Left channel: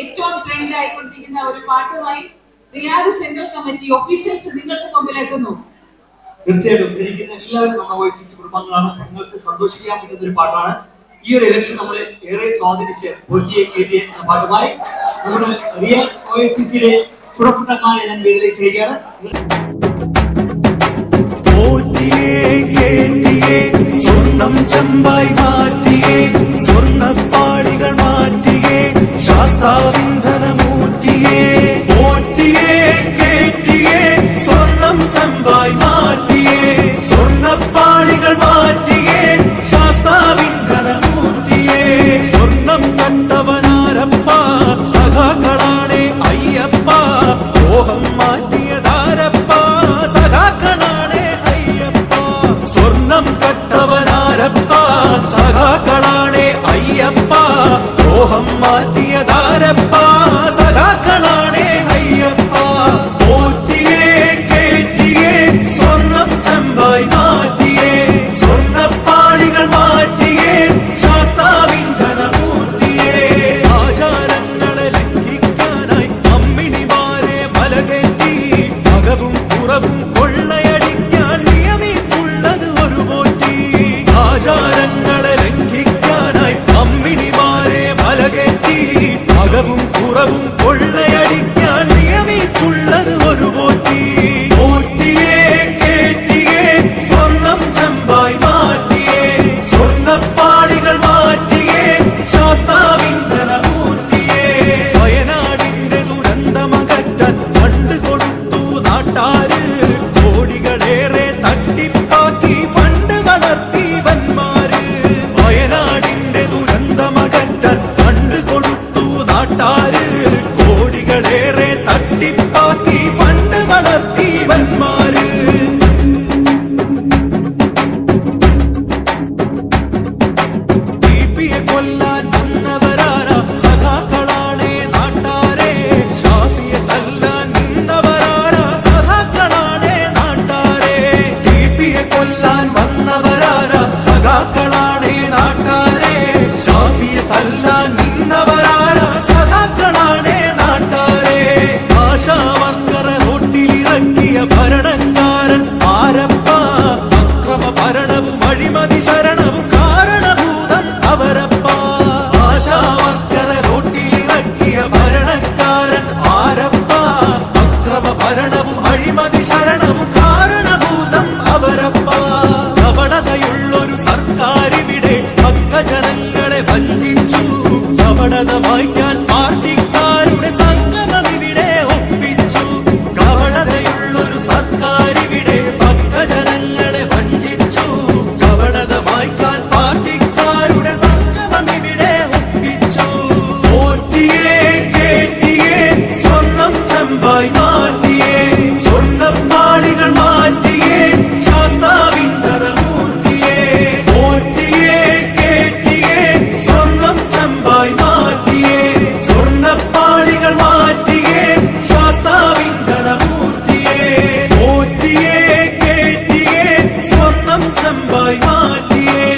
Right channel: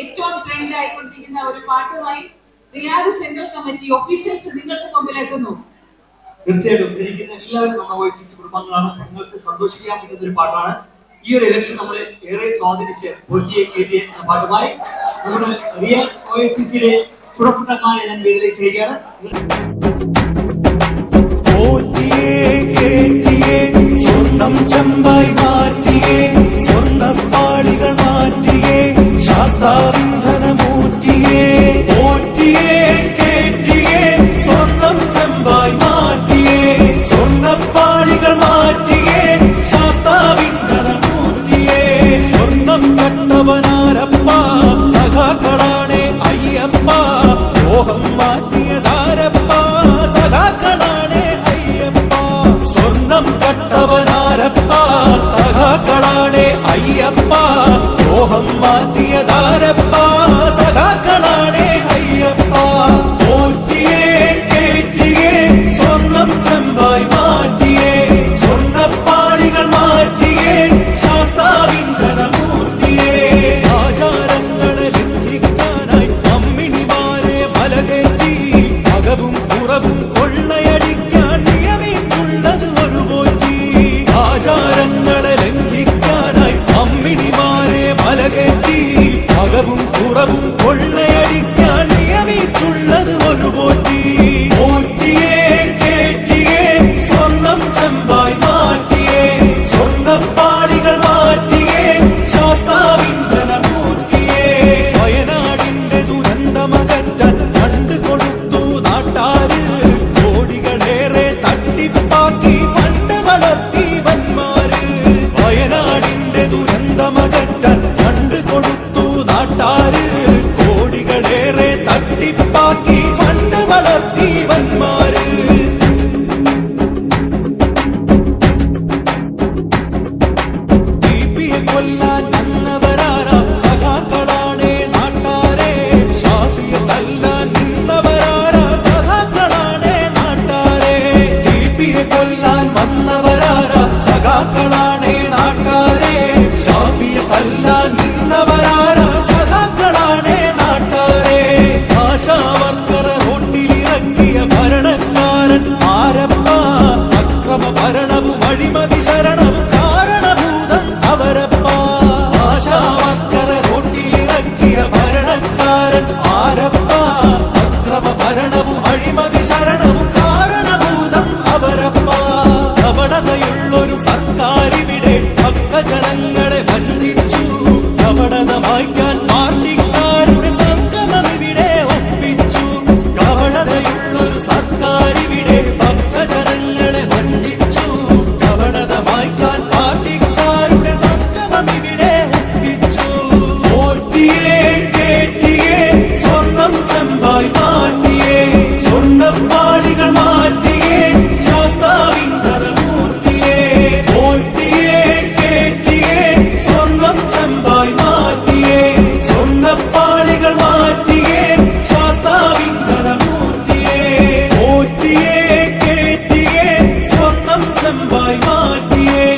ഏറ്റവും ട്രെൻഡ് ആയിക്കൊണ്ടിരിക്കുന്ന ഒരു പാട്ടുമായി റിയാദ് സെൻട്രൽ കമ്മിറ്റി ഒഫീഷ്യൽസ് നിങ്ങൾക്ക് മുമ്പിൽ എത്തുന്നു. തീർച്ചയായിട്ടും ഇരിക്കുന്ന എല്ലാവരും നമ്മുടെ വോയിസസ് കുടുംബങ്ങളാണ്. നിങ്ങൾക്ക് സന്തോഷിക്കാൻ പറ്റുന്ന ഒരു പാട്ടാണ്. ഈ ഒരു ഇലക്ഷൻ നമ്മൾ ഏറെ സ്വാധീനിച്ച് എന്ന പാട്ടുമായി നമ്മുടെ റിയൽ ഒഎസിസിയുടെ ഞാൻ വേദിയിലേക്ക് ക്ഷണിക്കുകയാണ്. പോറ്റിയേ സ്വർണം ചെമ്പായി മാറ്റിയേ സ്വർണപ്പാളികൾ മാറ്റിയേ. ശാസ്താവിന്ധനമൂറ്റിയേ പോറ്റിയേ കേറ്റിയേ സ്വർണം ചെമ്പായി മാറ്റിയേ സ്വർണപ്പാളികൾ മാറ്റിയേ ശാസ്താവിന്ധനമൂറ്റിയേ സ്വർണം കട്ടവനാരപ്പ സഖാക്കളാണേ അയ്യപ്പ ദ്രോഹം മാറ്റിയതാരപ്പ സഖാക്കളാണേ അയ്യപ്പ സ്വർണം കട്ടവനാരപ്പ സഖാക്കളാണേ അയ്യപ്പ ദ്രോഹം മാറ്റിയതാരപ്പ സഖാക്കളാണേ അയ്യപ്പ. പോറ്റിയേ കേറ്റിയേ സ്വർണം ചെമ്പായി മാറ്റിയേ സ്വർണപ്പാളികൾ മാറ്റിയേ ശാസ്താവിന്ധനമൂർത്തിയേ ആചാരങ്ങളെ ലംഘിക്കാനായി അമ്മിണിമാരെ മലകേറ്റി അകവും പുറവും കൊള്ളയടിക്കാൻ ആചാരങ്ങളെ ലംഘിക്കാനായി അമ്മിണിമാരെ മലകേറ്റി അകവും കുറവും കൊള്ളയടിക്കാൻ നിയമിച്ചുള്ളത് ഒരു പോറ്റി. പോറ്റിയേ കേറ്റിയേ സ്വർണം ചെമ്പായി മാറ്റിയേ സ്വർണപ്പാളികൾ മാറ്റിയേ ശാസ്താവിന്ധനമൂറ്റിയേ വയനാടിന്റെ ദുരന്തമകറ്റാൻ ഫണ്ട് കൊടുത്തു നാട്ടാര് കോടികളേറെ തട്ടിപ്പാക്കി ഫണ്ട് വളർത്തി വന്മാര് വയനാടിന്റെ ദുരന്തമകറ്റാൻ ഫണ്ട് കൊടുത്തു നാട്ടാര്. കോടികളേറെ തട്ടിപ്പാക്കി ഫണ്ട് വളർത്തിവന്മാര് ദീപിയെ കൊല്ലാൻ വന്നവരാരാ? സഖാക്കളാണേ നാട്ടാരെ. ഷാഫിയെ തല്ലാൻ നിന്നവരാരാ? സഖാക്കളാണേ നാട്ടാരെ. ടിപിയെ കൊല്ലാൻ വന്നവരാരാ സഖാക്കളാണേ നാട്ടാരെ. ഷാഫിയെ തല്ലാൻ നിന്നവരാരാ സഖാക്കളാണേ നാട്ടാരെ. ആശാവർക്കറെ റോട്ടിലിറക്കിയ ഭരണക്കാരൻ ആരപ്പ അക്രമ ഭരണവും അഴിമതി ശരണവും കാരണഭൂതം അവരപ്പ. ആശാവർക്കറെ റോട്ടിലിറക്കിയ ഭരണക്കാരൻ ആരപ്പ അക്രമ ഭരണവും അഴിമതി ശരണവും കാരണഭൂതം അവരപ്പ കപടതയുള്ളൊരു സർക്കാരിവിടെ ഭക്തജനങ്ങളെ വഞ്ചിച്ചു. കപടത മായ്ക്കാൻ പാർട്ടിക്കാരുടെ സംഗമം ഇവിടെ ഒപ്പിച്ചു. കപടതയുള്ളൊരു സർക്കാരിവിടെ ഭക്തജനങ്ങളെ വഞ്ചിച്ചു. കപടത മായ്ക്കാൻ പാർട്ടിക്കാരുടെ സംഗമം ഇവിടെ ഒപ്പിച്ചു. പോറ്റിയേ കേറ്റിയേ സ്വർണം ചെമ്പായി മാറ്റിയേ. സ്വർണപ്പാളികൾ മാറ്റിയേ ശാസ്താവിന്ധനമൂർത്തിയേ പോറ്റിയേ കേറ്റിയേ സ്വർണം ചെമ്പായി മാറ്റിയേ സ്വർണപ്പാളികൾ മാറ്റിയേ ശാസ്താവിന്ധനമൂർത്തിയേ പോറ്റിയേ കേറ്റിയേ സ്വർണം ചെമ്പായി മാറ്റിയേ.